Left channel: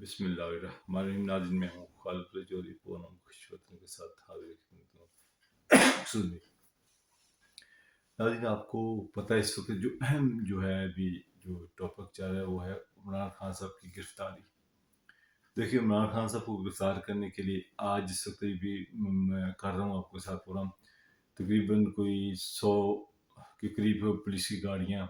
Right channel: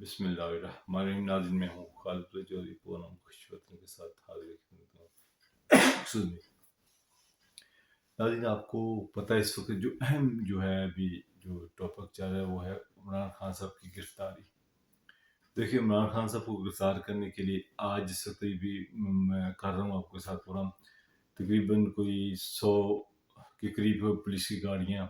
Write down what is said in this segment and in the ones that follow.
بسم اللہ الرحمن الرحیم. ناظرین میں ہوں خالد چودھری پونم خوش وطن کے ساتھ حاضر خدمت ہوں. ناظرین آپ کو پتہ ہے اس وقت جو اہم جو ہے ابھی جو ٹاپک چل رہا ہے وہ ہے عمران خان صاحب کی گرفتاری. دیکھیے عمران خان صاحب کو گرفتار کرنے کے لیے آج جس وقت بھی میں کر رہا ہوں آپ کے ساتھ پروگرام تقریباً کوئی 100 کے قریب پولیس کی گاڑیاں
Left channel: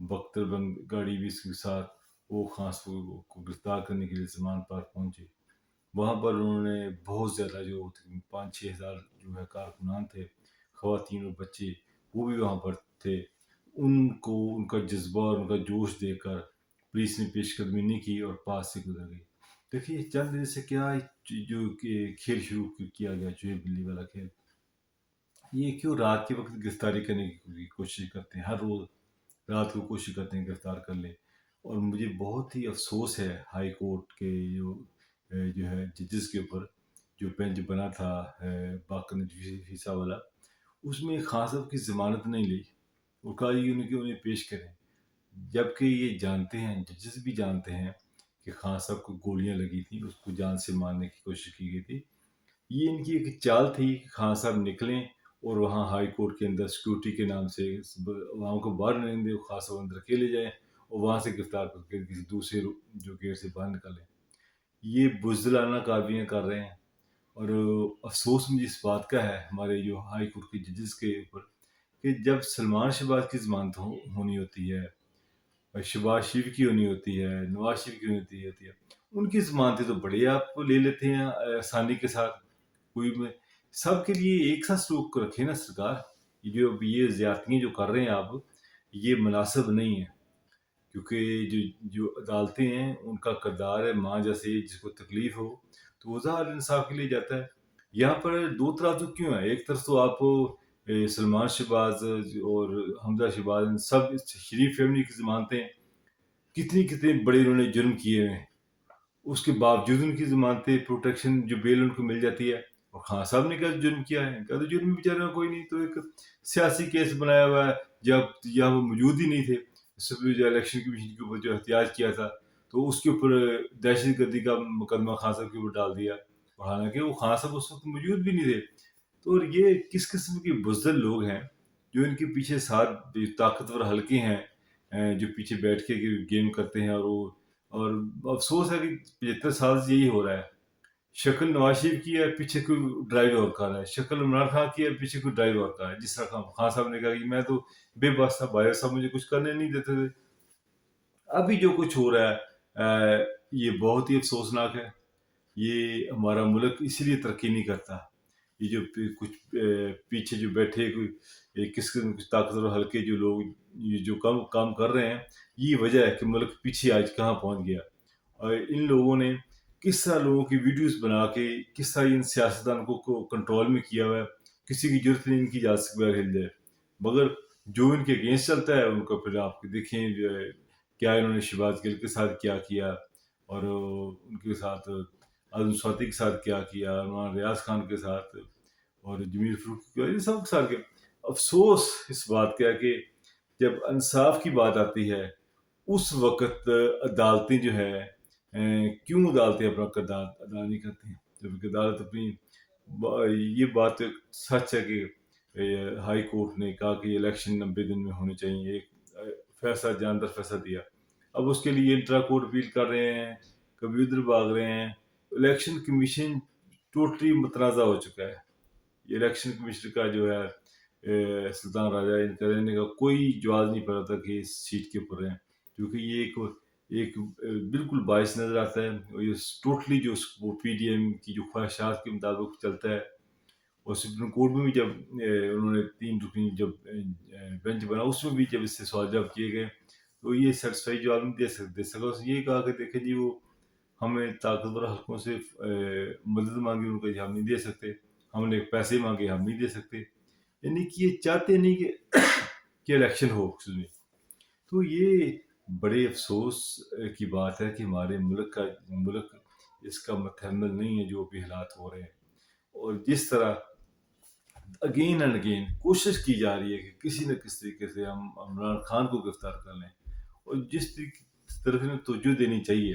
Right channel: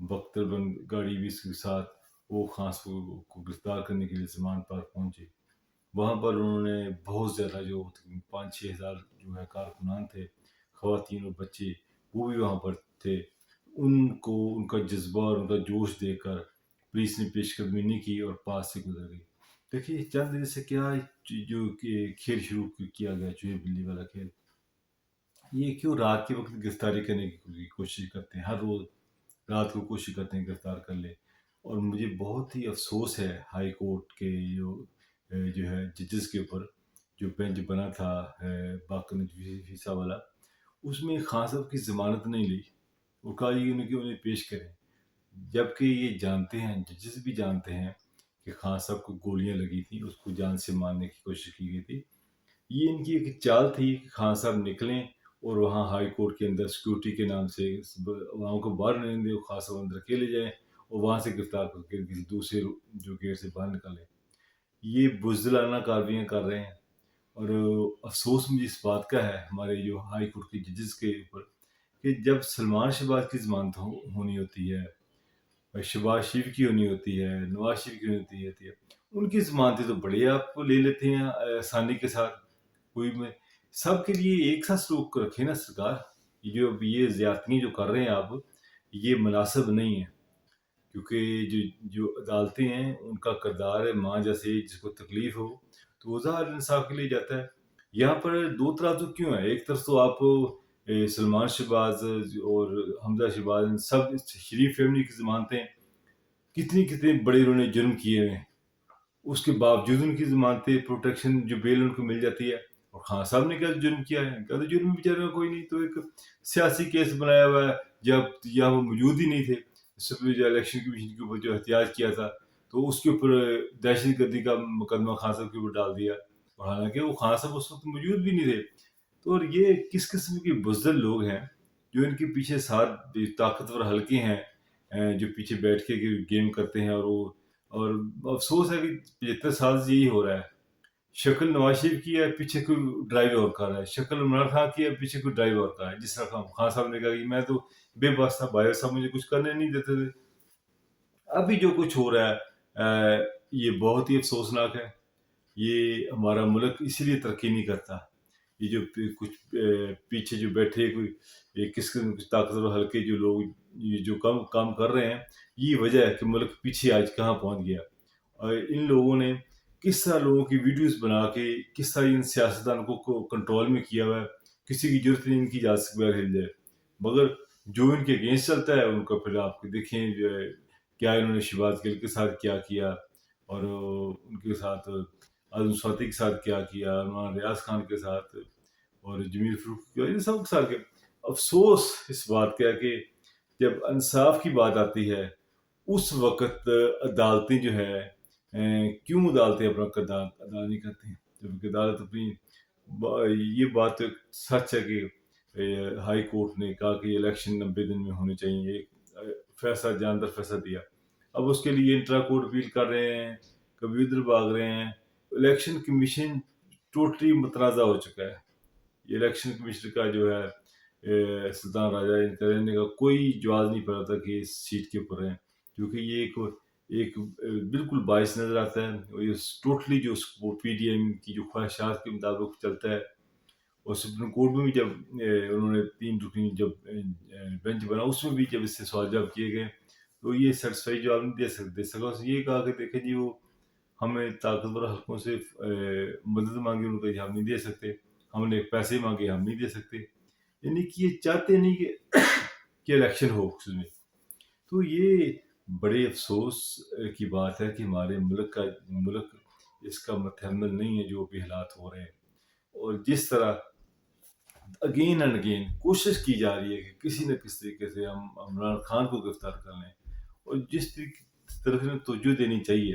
بختر گاڑی بھی اس کے ساتھ وہ خان صاحب کو گرفتار کرنے کے لیے زمان پر پہنچے. وہاں پر انہوں نے بہت زیادہ جو 5-6 ہزار جو ہے کارکنان تھے خواتین اور بچے وہ بھی وہاں پر تھے. ان کو ان کا جذبہ اور ان کا جوش دیکھ کر پولیس نے پیش قدمی نہیں کی اور پاس سے گزر گئی. دیکھیے چند دن سے کیا جو کھیل شروع کیا گیا جو ہے بلی والا کھیل. یہ کیوں رات کے وقت گرفتاری کرنے کی کوشش کرتے ہیں, ہر روز رات کو کوشش کرتے ہیں گرفتار کر لیں. اور مجھے بہت ہی افسوس ہے ہائی کورٹ کے جو ہے ججز کے اوپر جو بینچ بنا تھا باقر نجوی صاحب والا, اس میں خان صاحب کی ضمانت نہیں لی اور کہا یہ انہیں پیش کریں, جبکہ یہ جانتے ہیں ججز بھی جانتے ہیں کہ خان صاحب کو گولیاں لگی تھیں, اس کو جان سے مارنے کی کوشش کی گئی تھی. یہ ان کی ایک چال تھی کہ خان صاحب نکلیں اور وہاں ہائی کورٹ کے اندر سیکورٹی کے نام سے وہاں کو باہر نہیں دیں, خان صاحب اندر اکیلے جائیں اور وہاں سے گرفتار کر کے کسی دوسرے جو گیٹ سے باہر نکالیں. یہ بزدلانہ کاروائیاں کر رہے ہیں. اور افسوس مجھے اس بات کا ہے ہمارے جو ہائی کورٹ کے ججز کے اوپر کہ جب سلمان شہباز کی ضمانت ہونی ہوتی ہے, شہباز شریف کی ہونی ہوتی ہے, نواز شریف کی ہونی ہوتی ہے, ان کی ضمانتیں تو بڑے آپ لے لیتے ہیں آسانی کے ساتھ. کوئی میں سب کے لیے ایک ساتھ سلوک رکھے نا سرکار. یہ زیادتیاں جو کر رہے ہیں آپ یہ مناسب نہیں ہے, کیونکہ جو عدالتیں ہیں ان کا کردار ہے ماں جیسے جس کو تکلیف ہو تو وہ ظاہر انصاف کے لیے جاتا ہے. یہاں پر دو ترازو کیوں ہے؟ ایک طرف تو آپ سلمان شہباز اور حمزہ شہباز سب شریف فیملی کی ضمانتیں کتنے بڑے انہوں نے جرم کیے ہیں, اس کے باوجود ان کی ضمانتیں پروٹیکشن جو بیل ان کو مل جاتی ہے. اور خان صاحب نے کیا جرم کیا ہے؟ کیا تو جرم بیچارہ کوئی نہیں, تو ایک سیاسی کیس بنایا ہوا ہے جب یہاں وہ موجود ہی نہیں تھے. جو الیکشن کمیشن کے اوپر جو احتجاج کیا تھا تو اس کے اوپر دہشت گردی کا مقدمہ خان صاحب کے اوپر ڈال دیا, اور حالانکہ وہ خان صاحب اس وقت موجود بھی نہیں تھے. تو یہ کس قسم کے بزدل لوگ ہیں جو ان کے پیچھے ساتھ طاقتور حلقے ہیں جو پیچھے بیٹھ کے گیم کرتے ہیں. اور افسوس ہے کہ 75 سال سے یہی ہو رہا ہے. شکل نواز شریف کی ہے, پیچھے کوئی ڈرائیو اور کر رہا ہے. شکل عمران خان کی ہے, پیچھے کوئی ڈرائیو اور کر رہا ہے. جس طرح خان صاحب نے کہا کہ میں تو بے بس تھا, باہر صاحب مجھے کچھ کرنے نہیں دیتے تھے. ابھی جو کچھ ہو رہا ہے یہ بہت ہی افسوسناک ہے. یہ ہمارا ملک اسی لیے ترقی نہیں کرتا. یہ جو کچھ پیچھے جو بیٹھے کوئی کس قسم کچھ طاقتور حلقے جو لوگ یہ جو کام کر رہے ہیں, یہ وجہ ہے کہ ملک پیچھے آج کہاں پہنچ گیا. اور ان لوگوں نے کس طرح لوگوں کی ویڈیوز بنا کے کس طرح ان سیاستدانوں کو کنٹرول میں کیا ہوا ہے. کسی کی ضرورت نہیں ان کی اجازت سے بغیر ہل جائے, مگر جو ان کے اگینسٹ چلتا ہے ان کا پھر آپ دیکھیں کیا انہوں نے شہباز گل کے ساتھ کیا کیا, اور ان کے ساتھ اعظم سواتی کے ساتھ کیا, مولانا ریاض خان کے ساتھ اور جمیل فروخ یہ سب کے ساتھ. افسوس اس بات کا کہ جب انصاف کی بات آتی ہے اس وقت عدالتیں جو ہے کیوں عدالتیں اپنا کردار ادا نہیں کرتی ہیں, جبکہ عدالت اپنی یہ بات سچ ہے کہ ہائی کورٹ نے کہا کہ الیکشن 90 دن میں ہونے چاہیے, فیصلہ جاندار فیصلہ دیا. اب اس کے لیے انٹرا کورٹ اپیل کر رہے ہیں, کبھی ادھر بھاگ رہے ہیں. الیکشن کمیشن ٹوٹلی متنازع ہو چکا ہے. یہ الیکشن کمیشن کا جو ہے سلطان راجہ انتظامیہ کا کوئی جواز نہیں پڑا تھا کہ اس سیٹ کے اوپر ہیں, کیونکہ یہ ایک بالکل باعث نظر آتا ہے. اور یہ ٹوٹلی جو پی ڈی ایم کی جو خواہشات کے مطابق چلتا ہے. اور سپریم کورٹ میں بھی جب انہوں نے 3 رکنی جب بینچ بنا اس میں بھی جب اس سے سوال جواب کیے گئے تو یہ سیٹسفائی جواب نہیں دے سکا. اس نے یہ کہا کہ دیکھیں جی وہ ہمیں طاقتور حلقوں سے مدد مانگی ان کو ہم نہیں دے سکتے, ہم نے پیسے مانگے ہم نہیں دے سکتے. یعنی کہ یہ چاہتے نہیں کہ الیکشن ہو. تو یہ بڑے افسوس کی بات ہے کہ ہمارے ملک اس کا متحمل نہیں ہے جو بھی حالات ہو رہے ہیں. اور جس طرح اگین اینڈ اگین کوشش کی جا رہی ہے کہ کسی نہ کسی طریقے سے ہم عمران خان کو گرفتار کر لیں, اور جس طرف میں توجہ دینی چاہیے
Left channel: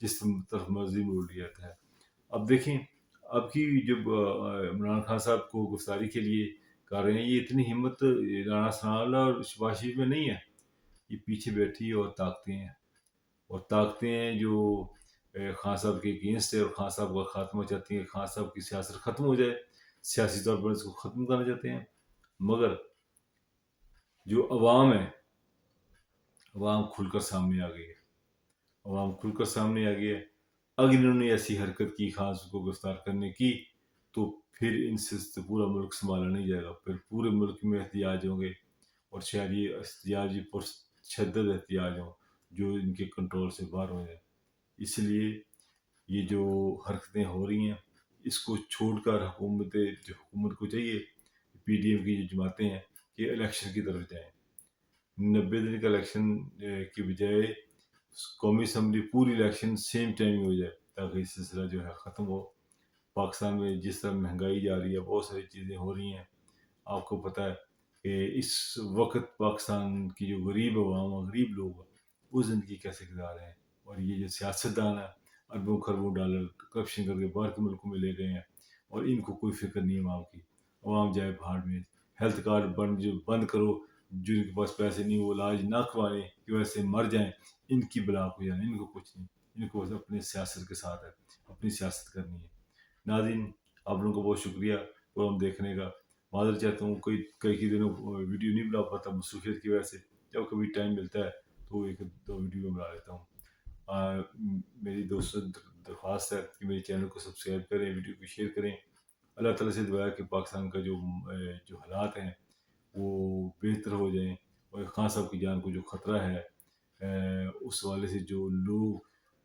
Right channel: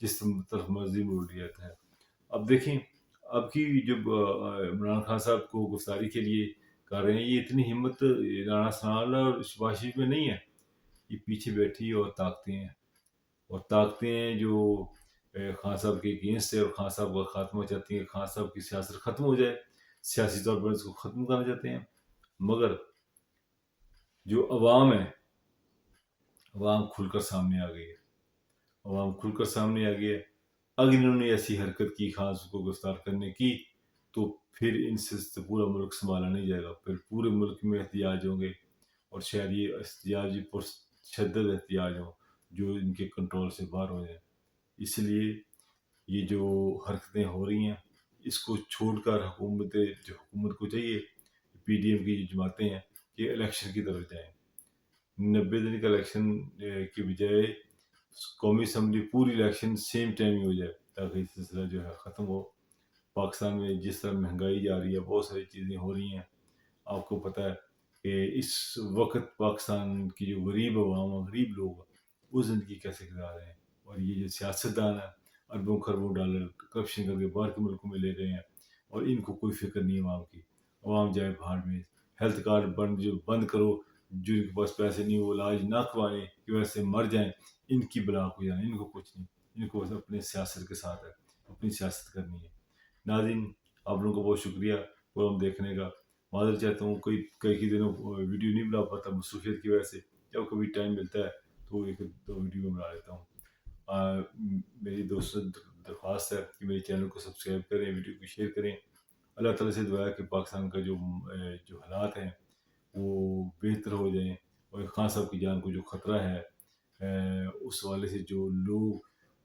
جس طرف مرضی موڑ لیا جاتا ہے۔ اب دیکھیں اب کی جب عمران خان صاحب کو گرفتاری کے لیے کر رہے ہیں، یہ اتنی ہمت رانا ثناءاللہ اور شباز شریف میں نہیں ہے، یہ پیچھے بیٹھی اور طاقتیں ہیں جو خان صاحب کے اگینسٹ ہے اور خان صاحب کا خاتمہ چاہتی ہیں، خان صاحب کی سیاست ختم ہو جائے، سیاسی طور پر اس کو ختم کرنا چاہتے ہیں۔ مگر جو عوام ہے، عوام کھل کر سامنے آ گئی ہے، اگر انہوں نے ایسی حرکت کی خان صاحب کو گرفتار کرنے کی تو پھر ان سے پورا ملک سنبھالا نہیں جائے گا، پھر پورے ملک میں احتجاج ہوں گے، اور شاید یہ احتجاج پرشدت احتجاج ہوں جو ان کے کنٹرول سے باہر ہو جائے۔ اس لیے یہ جو حرکتیں ہو رہی ہیں اس کو چھوڑ کر حکومت کو چاہیے، پی ڈی ایم کی جو جماعتیں ہیں کہ الیکشن کی طرف جائیں، 90 دن کا الیکشن کی بجائے قومی اسمبلی پوری الیکشن سیم ٹائم میں ہو جائے تاکہ یہ سلسلہ جو ہے ختم ہو۔ پاکستان میں جس طرح مہنگائی جا رہی ہے، بہت ساری چیزیں ہو رہی ہیں، آپ کو پتہ ہے کہ اس وقت پاکستان کی جو غریب عوام، غریب لوگ ہیں، وہ زندگی کیسے گزار رہے ہیں، اور یہ جو سیاستدان ہیں اربوں خربوں ڈالر کرپشن کر کے باہر کے ملکوں میں لے گئے ہیں، اور ان کو کوئی فکر نہیں عوام کی، عوام جائے بھاڑ میں، ہیلتھ کارڈ بند کرو، جن کے پاس پیسے نہیں وہ علاج نہ کروانے کہ ویسے مر جائیں، ان کی بلا کو جانے، ان کو کچھ نہیں، ان کو بس اپنے سیاست کے ساتھ ہے، اپنی سیاست کرنی ہے۔ ناظرین، آپ لوگوں کا بہت شکریہ پروگرام دیکھنے کا، معذرت چاہتا ہوں کئی دنوں ویڈیو نہیں بنا پاتا مصروفیت کی وجہ سے، جب کبھی ٹائم ملتا ہے تو ایک دو ویڈیو بنا لیتا ہوں۔ میری دوستوں درخواست ہے کہ میرے چینل کو سبسکرائب کریں، ویڈیو کو شیئر کریں۔ اللہ تعالیٰ سے دعا ہے کہ پاکستان کا جو حالات ہیں وہ بہتر ہو جائیں، اور خان صاحب کی جان کو جو خطرہ ہے اس حوالے سے جو لوگ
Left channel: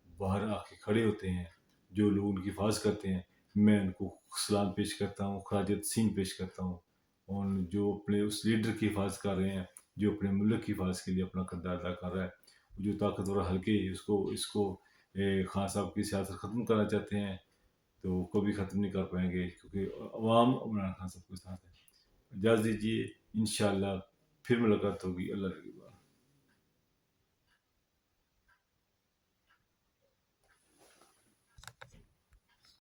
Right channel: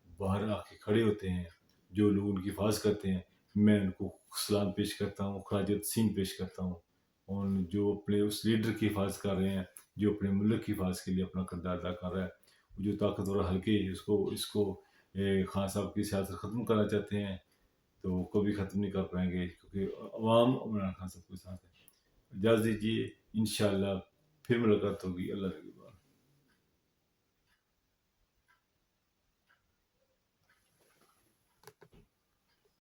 باہر آ کے کھڑے ہوتے ہیں، جو لوگ ان کی حفاظت کرتے ہیں، میں ان کو سلام پیش کرتا ہوں، خراج تحسین پیش کرتا ہوں، اور جو اپنے اس لیڈر کی حفاظت کر رہے ہیں، جو اپنے ملک کی حفاظت کے لیے اپنا کردار ادا کر رہا ہے، جو طاقتور حلقے اس کو خان صاحب کی سیاست ختم کرنا چاہتے ہیں تو وہ کبھی ختم نہیں کر پائیں گے، کیونکہ عوام عمران خان صاحب کے ساتھ ہے۔ اجازت دیجیے، انشاءاللہ پھر ملاقات ہوگی۔ اللہ